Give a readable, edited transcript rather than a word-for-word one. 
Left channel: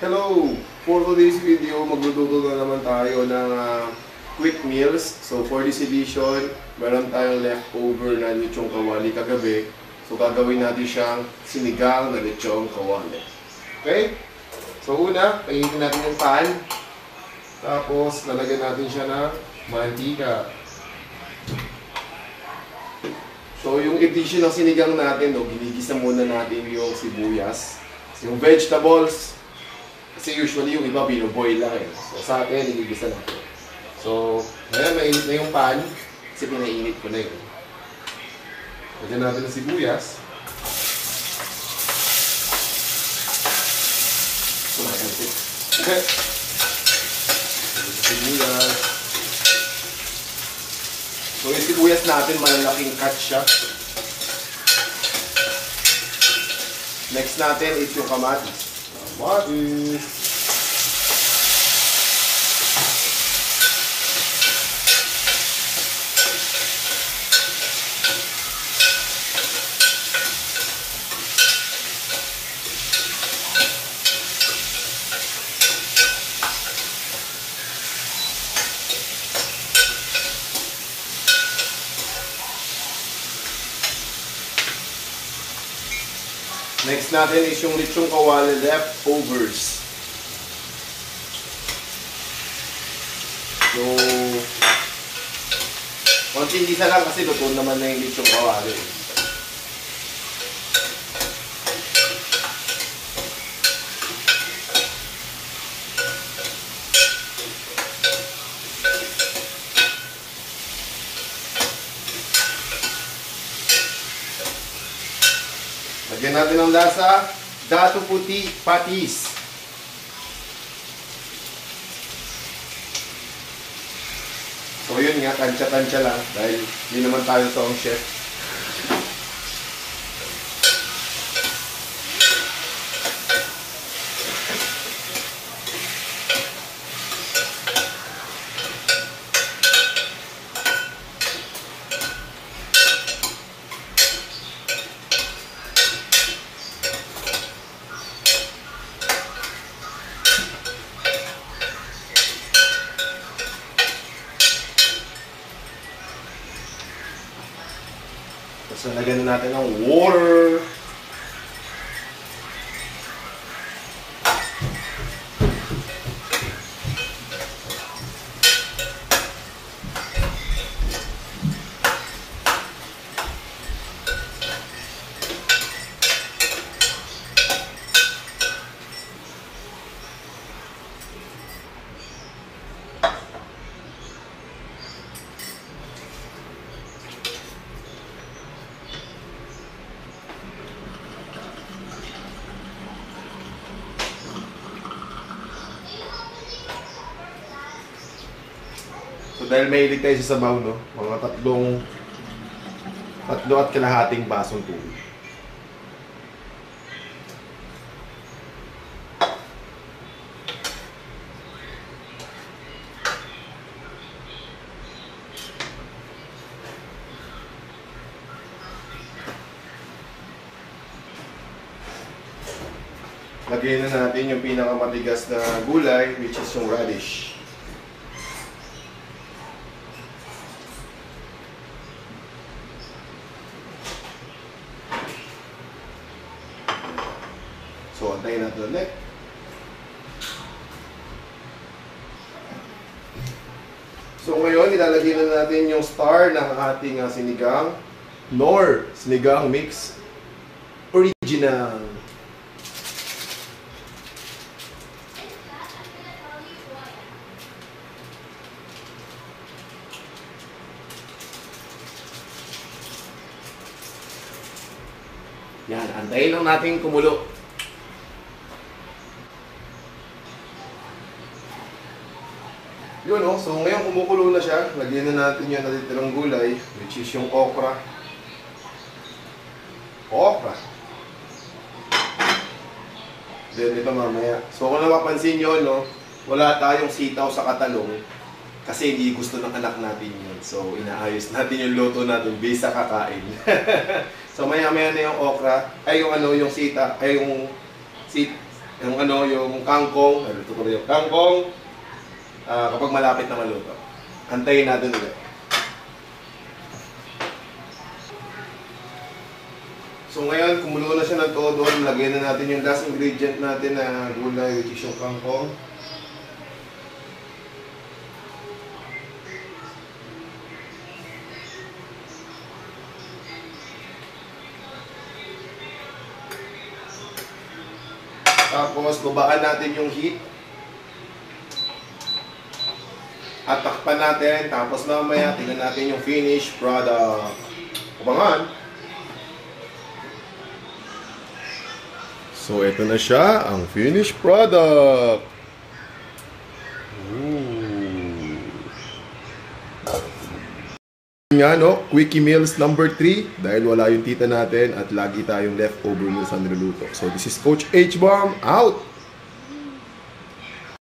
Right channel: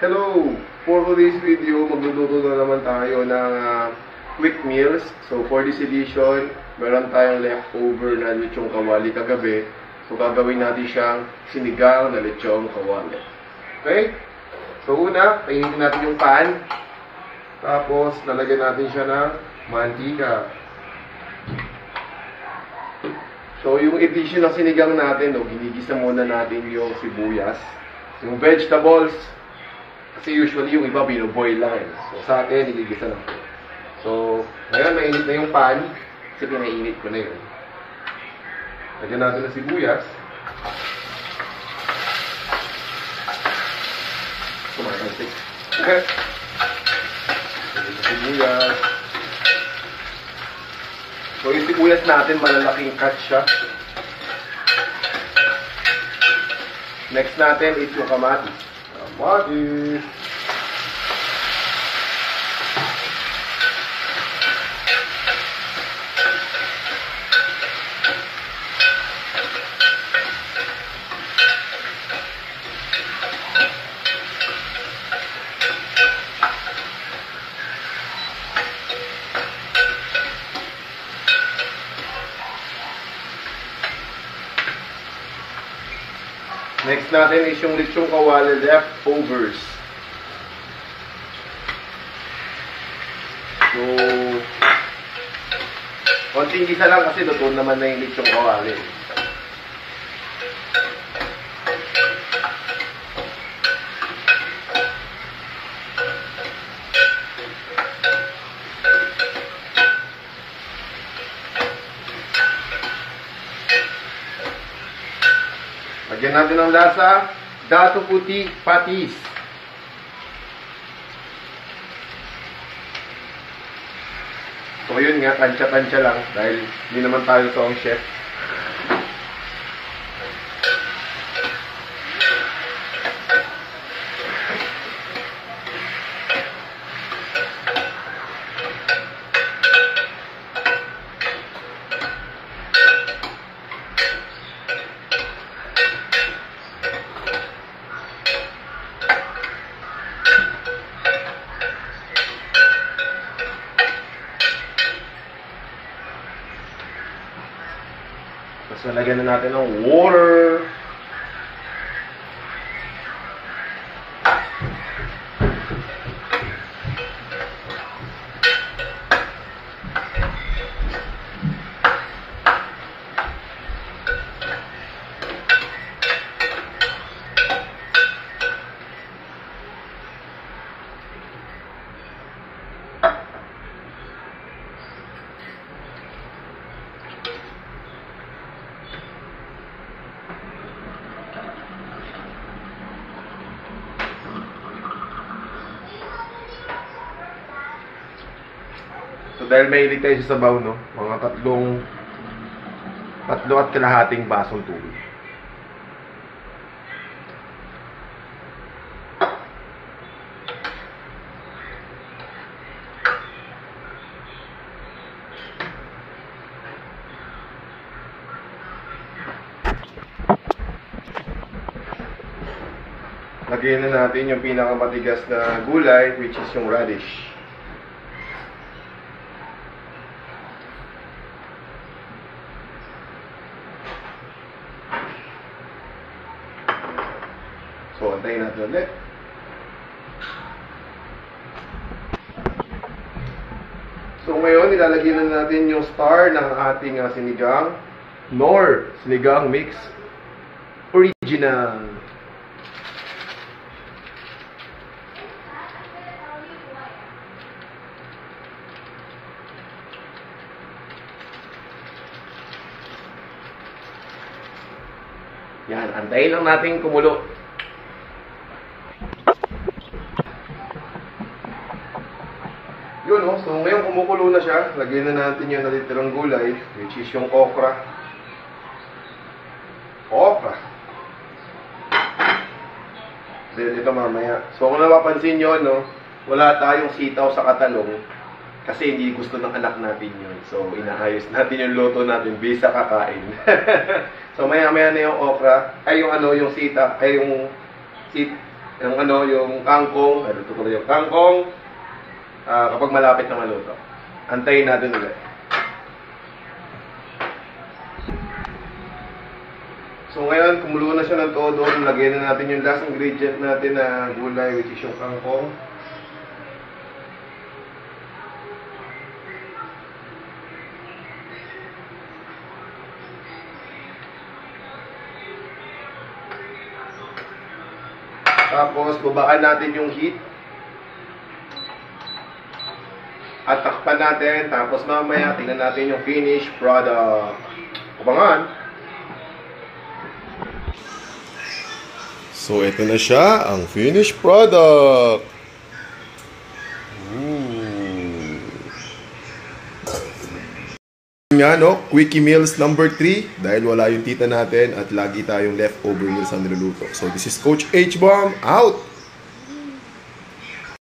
Hello! For today's video, magluluto na naman tayo ng quick meals. So for this edition, meron tayong leftover na lechong kawali kagabi. So gagawin natin siyang sinigang na lechong kawali. Okay? So una, painitin natin yung pan. Tapos lalagyan natin siya ng mantika. So yung edition ng sinigang natin, ginigisa muna natin yung sibuyas. Yung vegetables, kasi usually yung iba binoboil lang eh. So sa atin, niligisa lang po. So, ngayon mainit na yung pan. Kasi pinainit ko na yun. Lagyan natin ng sibuyas. Kumakantik. Okay. Lagyan ng sibuyas. So yung sibuyas natin, malalaking cut siya. Next natin is yung kamatis. Kamatis. Next natin is yung lechong kawali leftovers. So, konting gisa lang kasi luto naman na yung lechong kawali. Lagyan natin ng lasa, dato puti, patis. So yun nga, tansya-tansya lang dahil hindi naman tayo toong chef. So, lagyan na natin ng water. So dahil mahilig tayo sa sabaw, no? Mga tatlo at kalahating basong tubig. Lagyan na natin yung pinakamatigas na gulay, which is yung radish. So, antayin natin ulit. So, ngayon, ilalagyan na natin yung star ng ating sinigang. Knorr Sinigang Mix Original. Yan, antayin lang natin kumulo. Yun, no? So ngayon kumukulo na siya. Lagyan na natin yung natitirang gulay, which is yung okra. Okra. Then ito mamaya. So kung napapansin nyo, no, wala tayong sitaw sa katalong kasi hindi gusto ng anak natin yun. So inaayos natin yung luto natin based sa kakain. So maya-maya na yung okra, ay yung yung sita, ay yung yung kangkong, ito ko yung kangkong, kapag malapit na maluto. Antayin natin ulit. So ngayon, kumulo na siya ng todo, lagyan na natin yung last ingredient natin na gulay, which is yung kangkong. Tapos, babaan natin yung heat. At takpan natin. Tapos mamaya, tingnan natin yung finished product. Abangan! So, ito na siya, ang finished product. Nga, no? Quickie Meals number 3 dahil wala yung tita natin at lagi tayong leftover meals na niluluto. So, this is Coach H-Bomb out!